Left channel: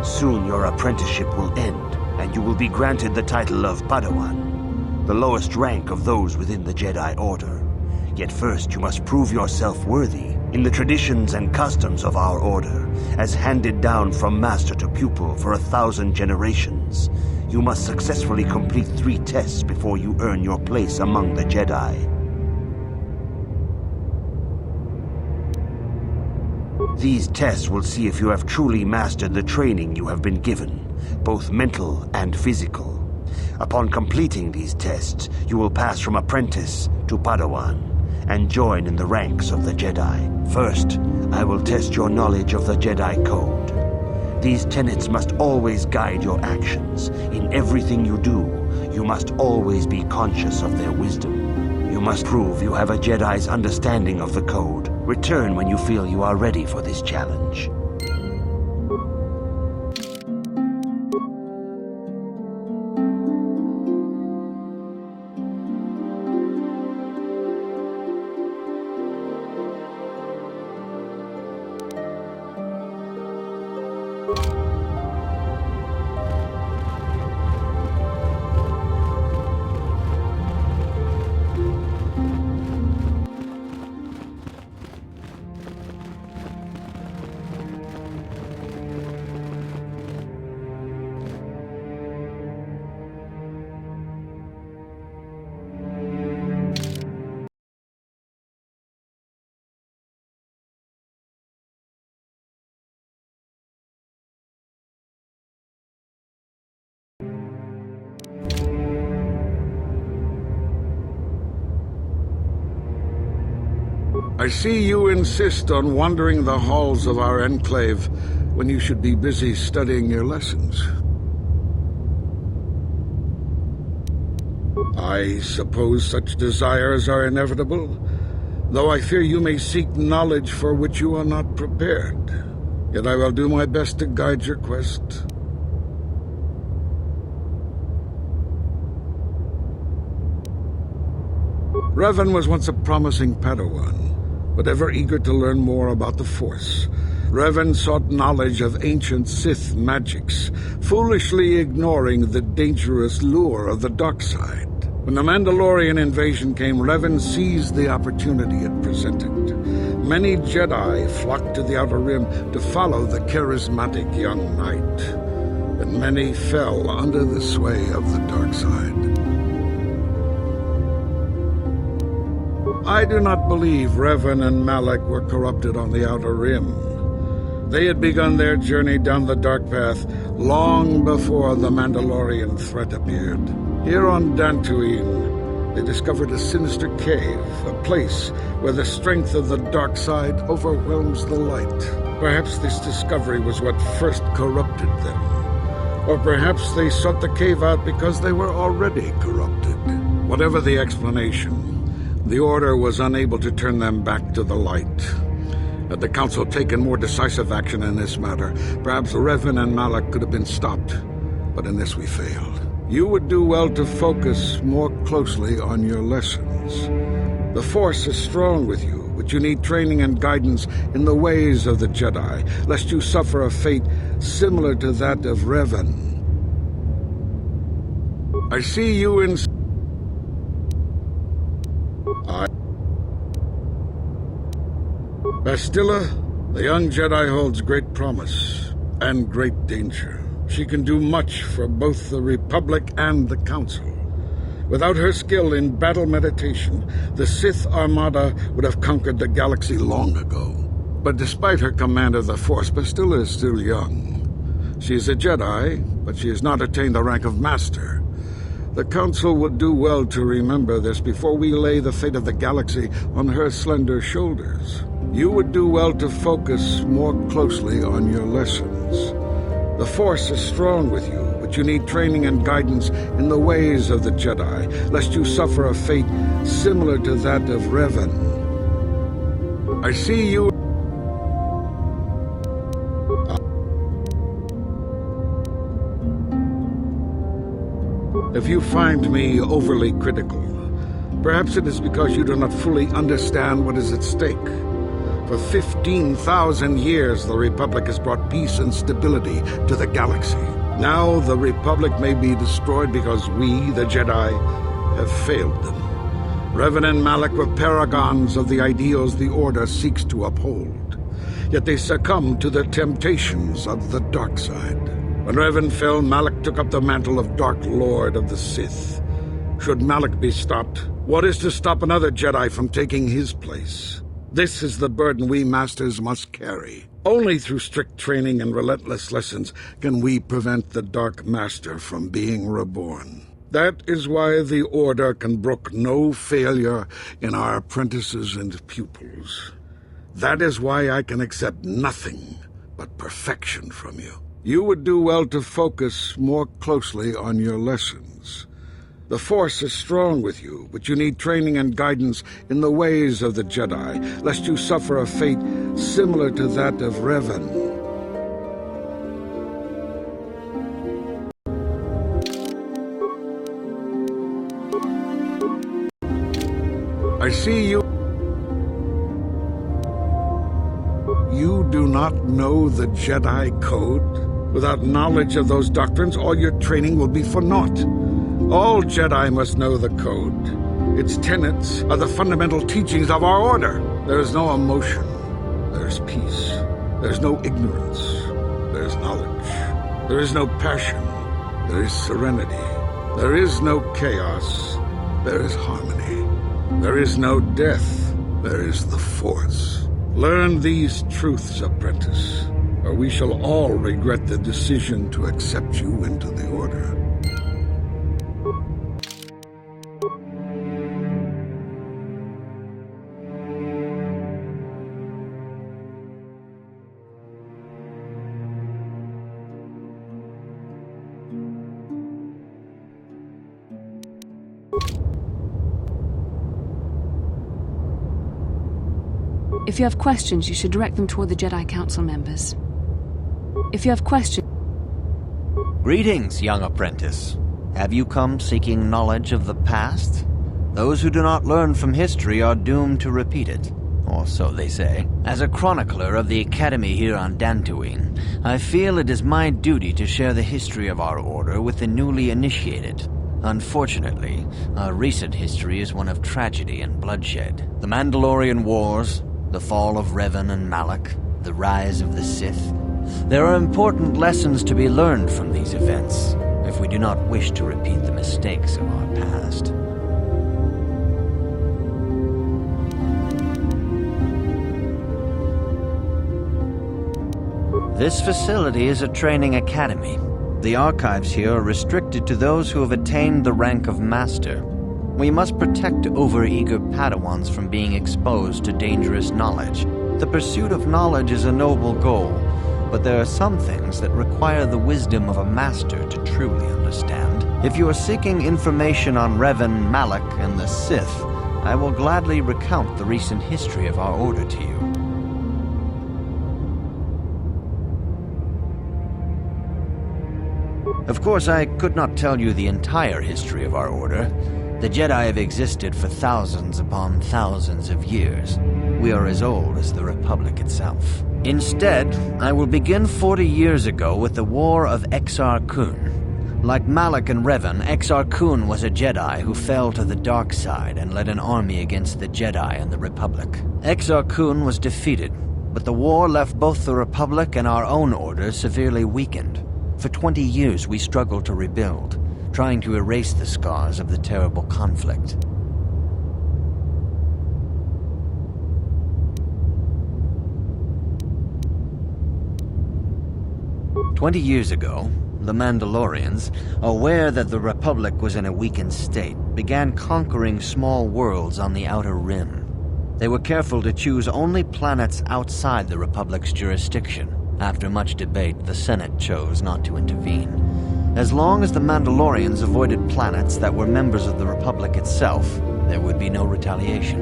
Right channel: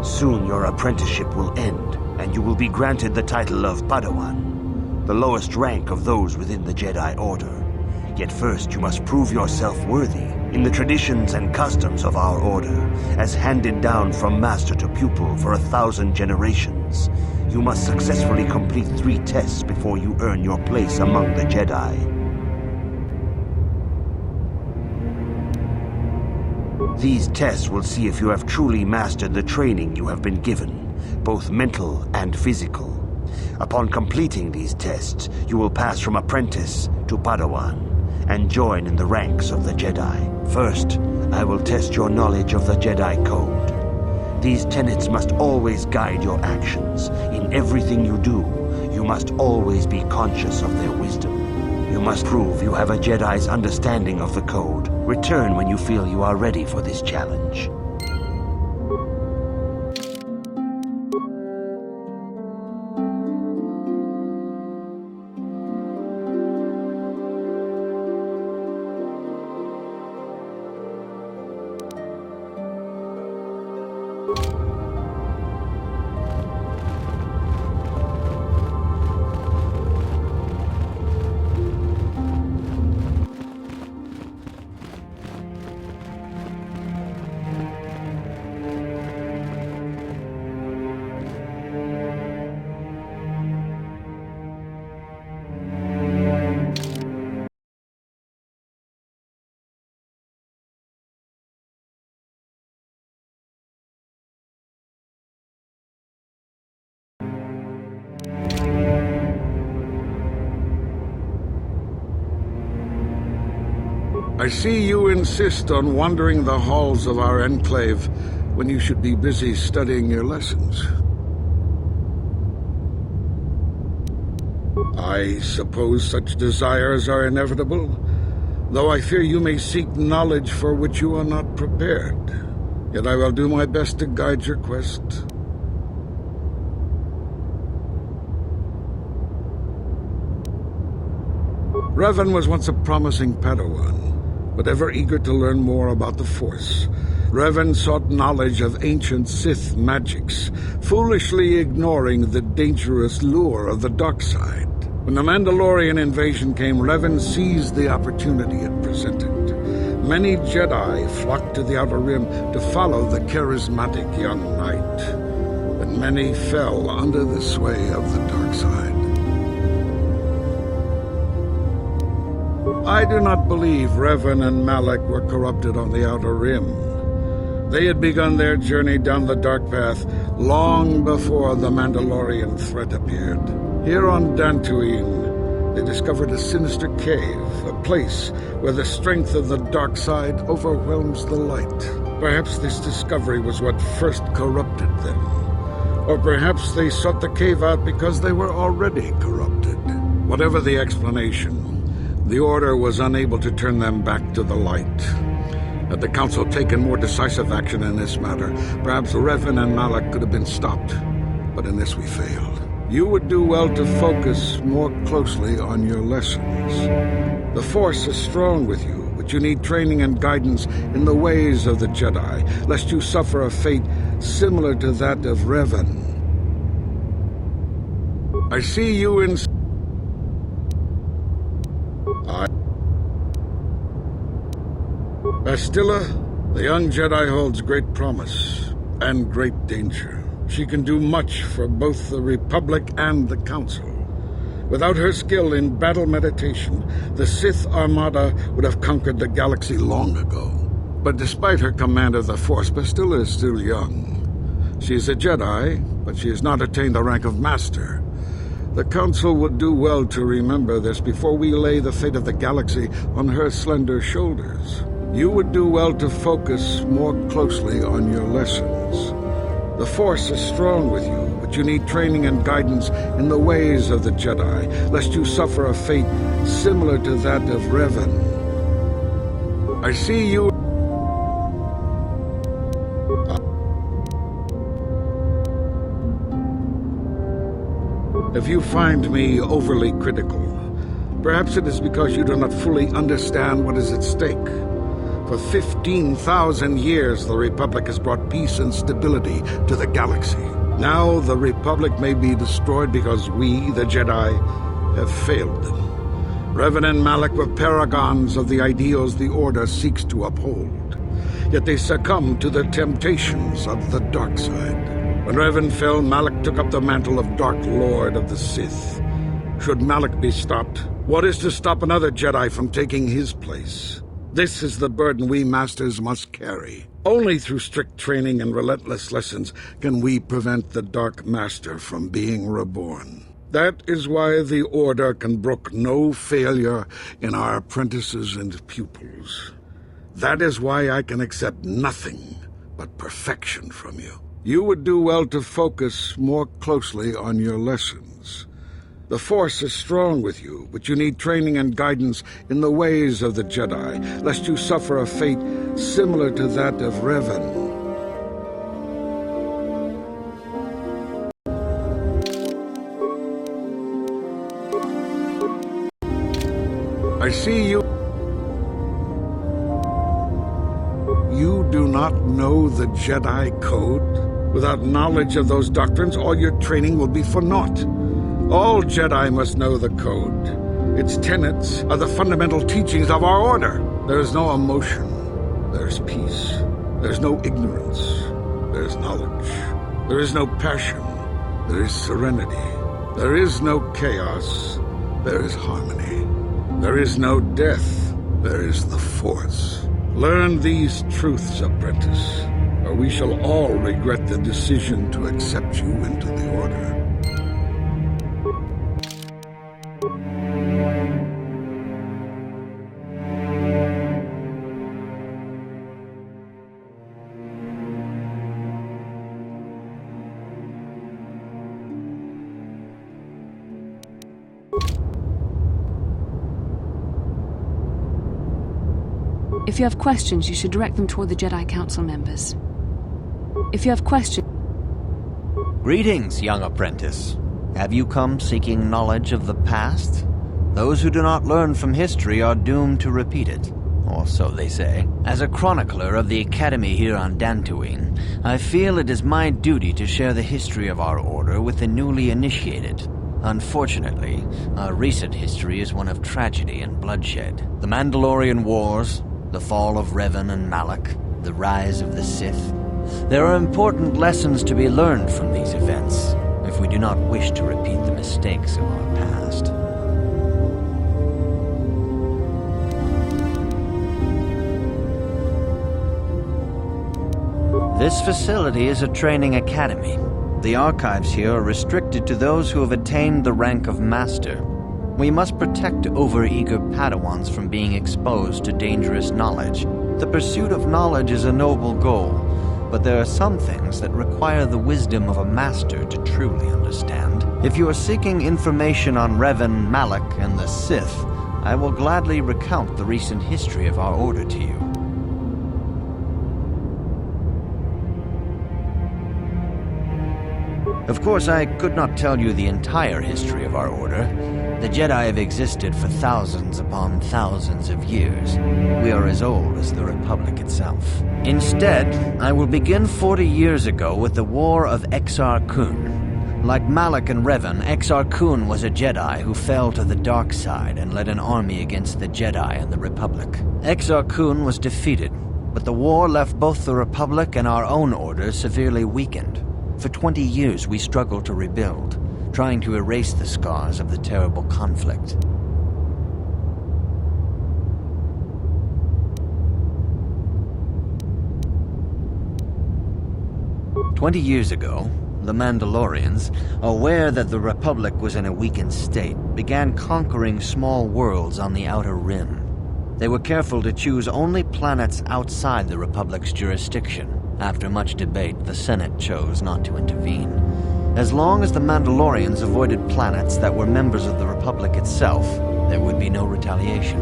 Soon your apprenticeship will end, and you will be granted the title of Padawan, the lowest rank of those within the Jedi Order. Yet first you must prove yourself worthy in the traditions and customs of our order, as handed down from master to pupil for 1,000 generations. You must successfully complete 3 tests before you earn your place among the Jedi. These tests will see if you have truly mastered the training you have been given, both mental and physical. Upon completing these tests, you will pass from apprentice to Padawan and join in the ranks of the Jedi. First, I will test your knowledge of the Jedi Code. These tenets must always guide your actions. In everything you do, you must always be conscious of their wisdom. You must prove you have a Jedi's understanding of the Code. Return when you feel you are ready for this challenge. I see you insist on wandering the halls of our enclave when you should be busy studying your lessons. I suppose such desires are inevitable, though I fear you may seek knowledge for which you are not prepared. Yet I will do my best to guide your quest. Revan was once a promising Padawan, but ever eager to learn more about the Force. Revan sought knowledge of ancient Sith magics, foolishly ignoring the dangerous lure of the dark side. When the Mandalorian invasion came, Revan seized the opportunity it presented. Many Jedi flocked to the Outer Rim to follow the charismatic young knight, and many fell under the sway of the dark side. I do not believe Revan and Malak were corrupted on the Outer Rim. They had begun their journey down the dark path long before the Mandalorian threat appeared. Here on Dantooine, they discovered a sinister cave, a place where the strength of the dark side overwhelms the light. Perhaps this discovery was what first corrupted them. Or perhaps they sought the cave out because they were already corrupted. Whatever the explanation, the Order was unable to turn them back to the light. Had the Council taken more decisive action in this matter, perhaps Revan and Malak could have been stopped. But in this we failed. You would do well to focus more closely on your lessons. The Force is strong with you, but you need training and guidance in the ways of the Jedi, lest you suffer a fate similar to that of Revan. I see you in... Bastila, the young Jedi holds great promise and great danger. She can do much for both the Republic and the Council. Without her skill in battle meditation, the Sith Armada would have conquered the galaxy long ago. But despite her command of the Force, Bastila is still young. She is a Jedi, but she has not attained the rank of Master. The Council would do well to remember this before we lay the fate of the galaxy on her slender shoulders. You would do well to focus more closely on your lessons. The Force is strong with you, but you need training and guidance in the ways of the Jedi, lest you suffer a fate similar to that of Revan. I see you... If you find me overly critical, perhaps it is because you do not fully understand what is at stake. For 15,000 years, the Republic has brought peace and stability to the galaxy. Now the Republic may be destroyed because we, the Jedi, have failed them. Revan and Malak were paragons of the ideals the Order seeks to uphold. Yet they succumbed to the temptations of the dark side. When Revan fell, Malak took up the mantle of Dark Lord of the Sith. Should Malak be stopped, what is to stop another Jedi from taking his place? This is the burden we Masters must carry. Only through strict training and relentless lessons can we prevent the Dark Master from being reborn. That is why the Order can brook no failure in our apprentices and pupils. That is why I can accept nothing but perfection from you. You would do well to focus more closely on your lessons. The Force is strong with you, but you need training and guidance in the ways of the Jedi, lest you suffer a fate similar to that of Revan. I see you. You do not know the Jedi Code? Without knowledge of those doctrines, all your training will be for naught. All Jedi must know the Code. Its tenets are the fundamental teachings of our Order. There is no emotion. There is peace. There is no ignorance. There is knowledge. There is no passion. There is serenity. There is no chaos. There is harmony. There is no death. There is the Force. Learn these truths, apprentice, or we shall all regret the decision to accept you into the Order. If you have questions, you should direct them toward the Jedi Council members. If you have questions... Greetings, young apprentice. Have you come seeking knowledge of the past? Those who do not learn from history are doomed to repeat it, or so they say. As a chronicler of the Academy here on Dantooine, I feel it is my duty to share the history of our Order with the newly initiated. Unfortunately, our recent history is one of tragedy and bloodshed. The Mandalorian Wars, the fall of Revan and Malak, the rise of the Sith. There are important lessons to be learned from these events, if we do not wish to repeat the mistakes of our past. This facility is a training academy. The archives here are restricted to those who have attained the rank of Master. We must protect overeager Padawans from being exposed to dangerous knowledge. The pursuit of knowledge is a noble goal, but there are some things that require the wisdom of a master to truly understand. If you are seeking information on Revan, Malak, and the Sith, I will gladly recount the recent history of our Order to you. Of course, I could not tell you the entire history of our Order. The Jedi have existed for thousands upon thousands of years. We are as old as the Republic itself. Instead, I will begin 40 years ago with the War of Exar Kun. Like Malak and Revan, Exar Kun was a Jedi who fell to the dark side and led an army against the Jedi and the Republic. Exar Kun was defeated, but the war left both the Republic and our own Order severely weakened. For 20 years we struggled to rebuild, trying to erase the scars of the terrible conflict. "20 years ago, the Mandalorians, aware that the Republic was in a weakened state, began conquering small worlds on the Outer Rim. They were careful to choose only planets outside the Republic's jurisdiction. After much debate, the Senate chose not to intervene. As long as the Mandalorians avoided planets that were members of the Republic itself, there would be no retaliation.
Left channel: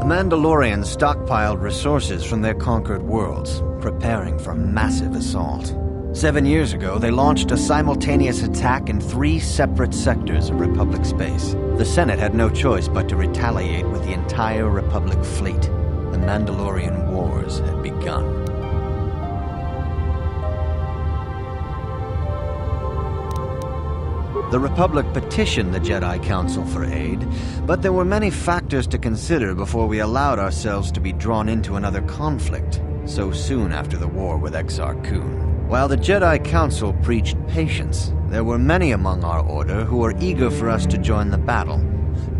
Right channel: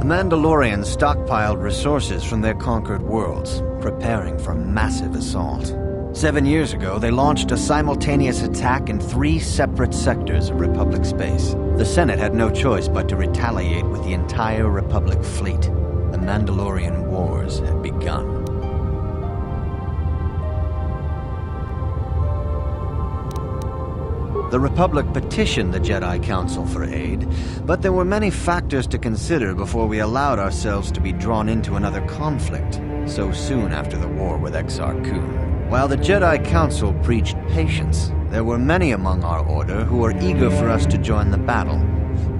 The Mandalorians stockpiled resources from their conquered worlds, preparing for a massive assault. 7 years ago, they launched a simultaneous attack in 3 separate sectors of Republic space. The Senate had no choice but to retaliate with the entire Republic fleet. The Mandalorian Wars had begun. The Republic petitioned the Jedi Council for aid, but there were many factors to consider before we allowed ourselves to be drawn into another conflict, so soon after the war with Exar Kun. While the Jedi Council preached patience, there were many among our order who were eager for us to join the battle.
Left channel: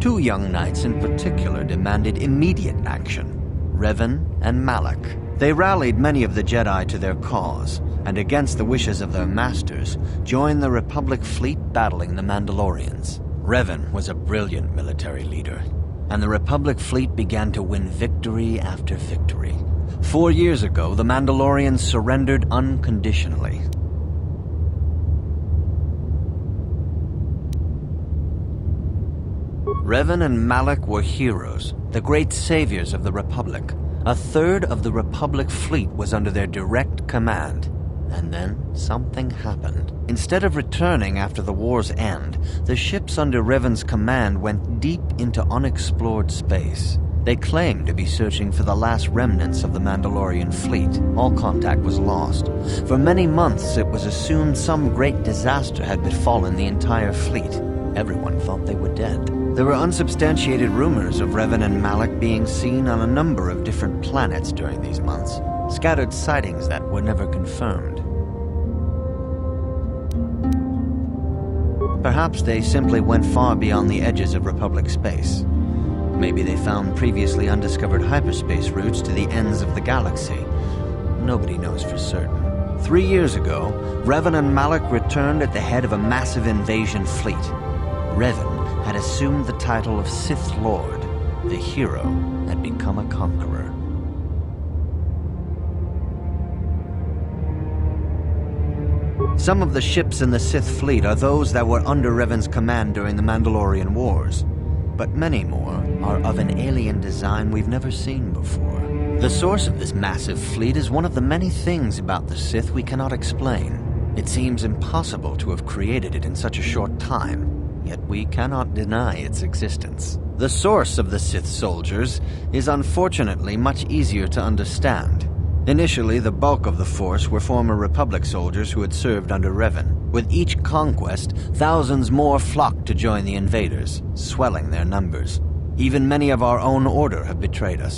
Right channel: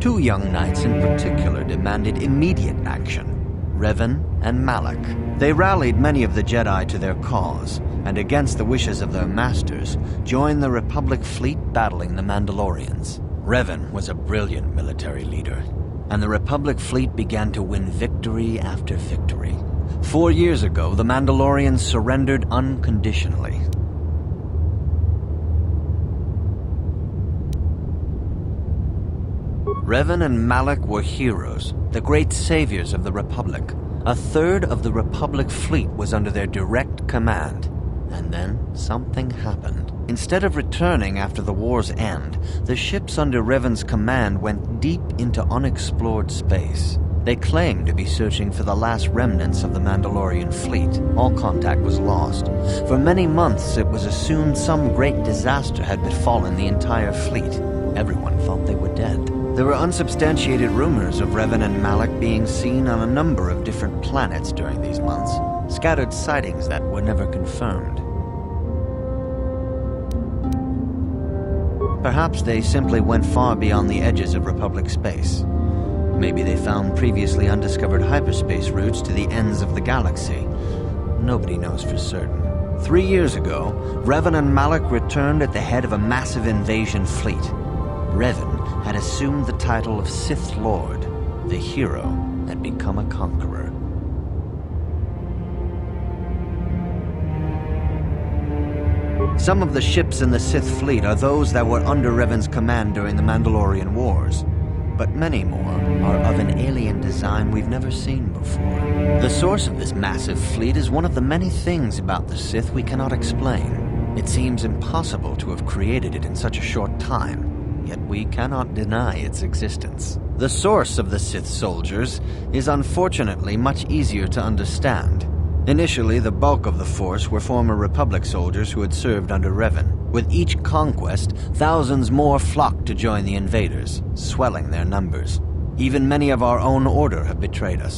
2 young knights in particular demanded immediate action, Revan and Malak. They rallied many of the Jedi to their cause, and against the wishes of their masters, joined the Republic fleet battling the Mandalorians. Revan was a brilliant military leader, and the Republic fleet began to win victory after victory. 4 years ago, the Mandalorians surrendered unconditionally. Revan and Malak were heroes, the great saviors of the Republic. A third of the Republic fleet was under their direct command. And then something happened. Instead of returning after the war's end, the ships under Revan's command went deep into unexplored space. They claimed to be searching for the last remnants of the Mandalorian fleet. All contact was lost. For many months, it was assumed some great disaster had befallen the entire fleet. Everyone thought they were dead. There were unsubstantiated rumors of Revan and Malak being seen on a number of different planets during these months, scattered sightings that were never confirmed. Perhaps they simply went far beyond the edges of Republic space. Maybe they found previously undiscovered hyperspace routes to the ends of the galaxy. Nobody knows for certain. 3 years ago, Revan and Malak returned at the head of a massive invasion fleet. Revan had assumed the title of Sith Lord. The hero had become a conqueror. Some of the ships in the Sith fleet are those that were under Revan's command during the Mandalorian Wars, but many more are of an alien design we've never seen before. The source of this massive fleet is one of the many things about the Sith we cannot explain. It seems impossible to have created it in such a short time, yet we cannot deny its existence. The source of the Sith soldiers is unfortunately much easier to understand. Initially, the bulk of the force were former Republic soldiers who had served under Revan. With each conquest, thousands more flocked to join the invaders, swelling their numbers. Even many of our own order have betrayed us.